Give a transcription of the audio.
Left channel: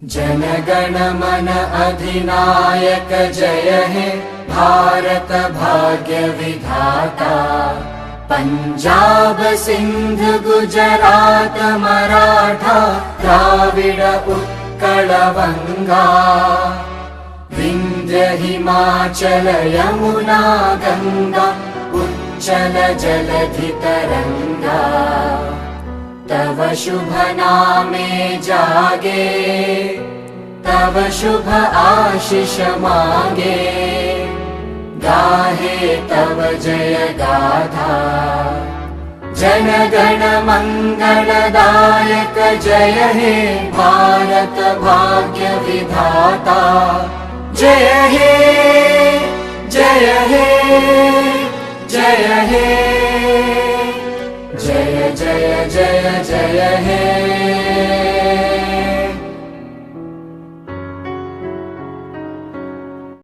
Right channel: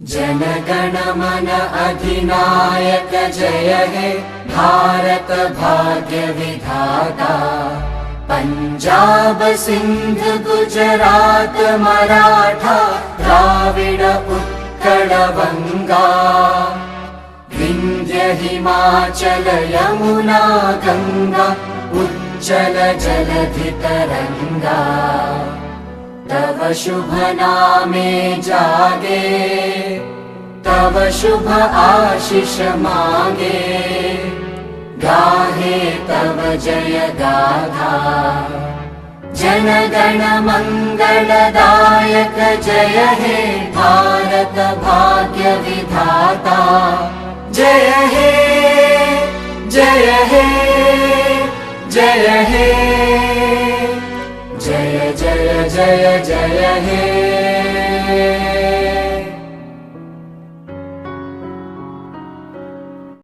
जनगण मन अधिनायक जय हे भारत भाग्य विधाता। पंजाब सिंध गुजरात मराठा द्राविड उत्कल बंगा। विंध्य हिमाचल यमुना गंगा उच्चल जलधि तरंगा। तव शुभ नामे जागे तव शुभ आशीष मांगे। गाहे तव जय गाथा जन गण मंगलदायक जय हे भारत